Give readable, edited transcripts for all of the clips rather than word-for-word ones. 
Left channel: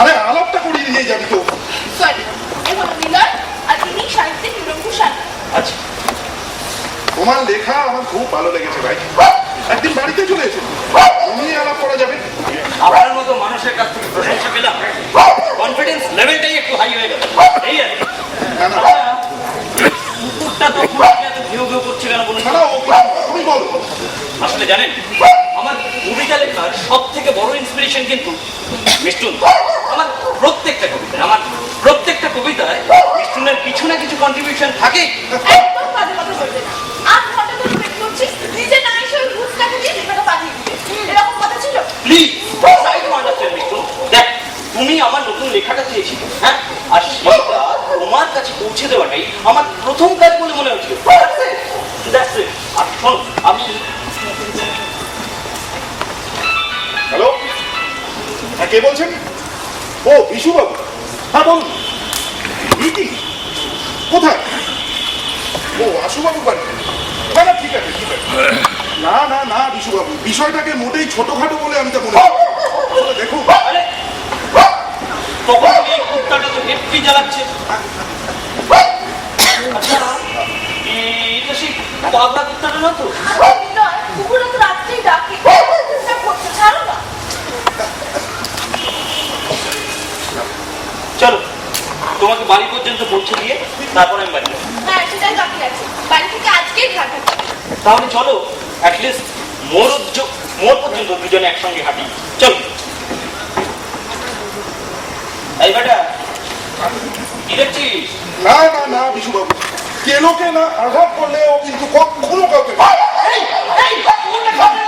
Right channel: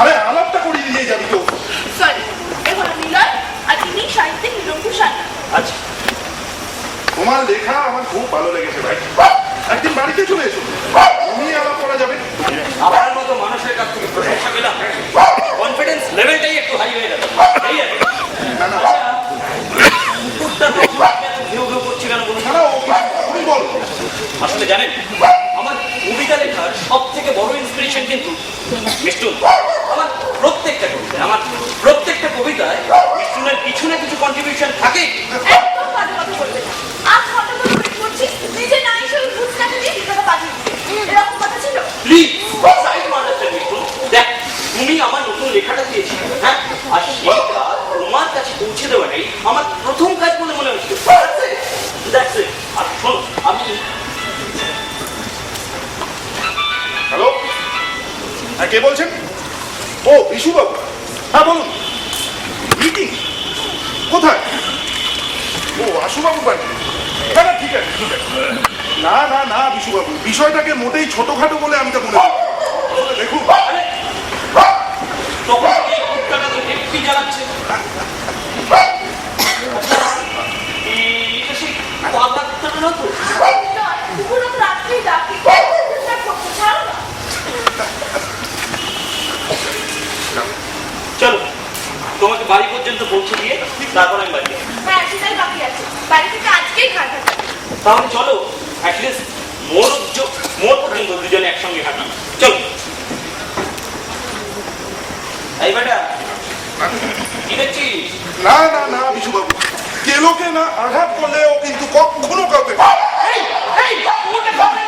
আরে আলাপটা করিয়ে দিয়ে যাবি তো। সরি, এ হলো নিলয় আর ইনি সাহিত্যিক নিরঙ্কুশ সান্যাল। আচ্ছা, তোমার লেখা আমার খুব ভালো লেগেছে ভাই, একদিন বাড়িতে চলে এসো, তুমি আলাপ করা যাবে। আপনার মতো মানুষের কাছ থেকে প্রশংসা পেলাম, কনফিডেন্স লেভেলটাই একটু হাই হয়ে গেল। এই আর কি। না না কুকুরটা তো আপনাকে এত ঘেউ ঘেউ করছে কেন বলুন? না, তুমি বলো। আসলে জানেন, আমার কবিতা লেখার সব থেকে বড় ইন্সপিরেশন কিন্তু মিষ্টুন। আমার প্রত্যেকটা কবিতায় মিষ্টুনের কিছু না কিছু কন্ট্রিবিউশন থাকে। একদম বাজে কথা বলবে না। 8 ঘন্টা ধরে ওয়েট করছি, নিজে না এসে ওই ঘুষটাকে দিয়ে লেখাটা পাঠিয়ে দিতে। এরকম কথা ছিল? Please try to understand Mishtun. দেখ, তুমি আমার নতুন লেখাটা চেয়েছিলে, হ্যাঁ, আর সেটা তোমার কাছে পৌঁছে দেওয়াটাই আমার প্রথম কাজ বলে মনে হয়েছিল। That's it. আর শোনো, আমি হ্যালো, হ্যাঁ কে বলছেন? ও বিশু বাবু, হ্যাঁ বলুন। মিটিং কোথায়? ও আশু বাবু বাড়ি? না না ঠিক আছে ঠিক আছে। না না না বিশু বাবু, বিষয়টাকে মোটেই ছোটখাটো বলে আমি তা মনে করি। আসলে দেখুন, আরে তখন এই কুত্তাটা তো হেডটি জ্বালাচ্ছে। আচ্ছা, এটা সেই পাগলা কুত্তাটা না তো? নয়, কুকুরও তো রাত্রেই ডাকে। ডিস্টার্ব করতে ছাড়ো না। চলো, তোমাকে বাড়ি পর্যন্ত পৌঁছে দিয়ে তারপর আমি বাড়ি যাবো। হ্যাঁ, সেটাই বাকি আছে। বাড়ি থেকে আজকেই ঘাট হাঁটা। তাহলে চলো, অ্যাটলিস্ট মোর পর্যন্ত দুজনে একসঙ্গে হাঁটি। চলো। এই বেটা, কি দেখছিস? না না না বিশু বাবু, কেলোকে না আঘাত করলে ও কিন্তু কখনো কাউকে এই, এই, কুকুরটা সামনে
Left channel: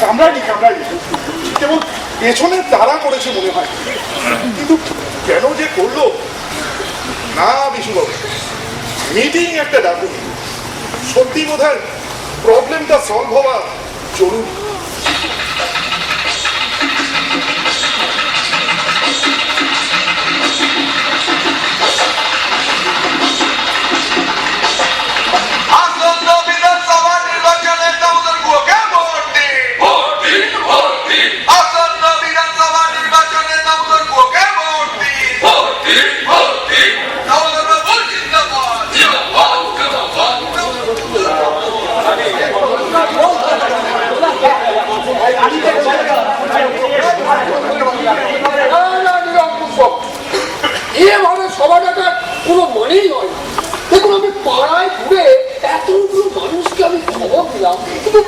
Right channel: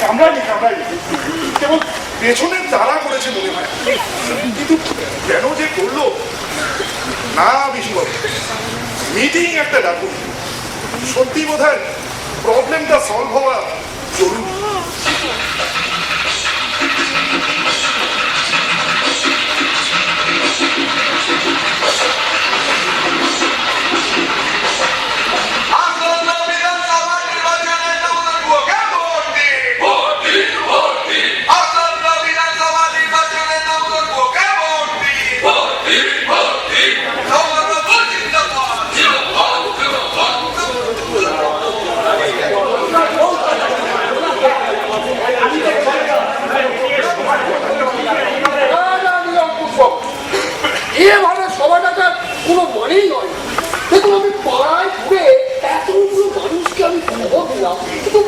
কামড়ায়নি কামড়ায়নি, কেবল পেছনে তাড়া করেছে মনে হয়, কিন্তু কেন যে করলো না বিশুবাবু, মিটিং একটা ডাকুন, সত্যি বোধহয় প্রবলেমটা সলভ হওয়া জরুরি। এভাবে সভাটাটার কোনো মনেই নয়। দেখুন, আমি পাড়ায় ঘুরে এতগুলো মানুষকে আমি খবর দিলাম, কিন্তু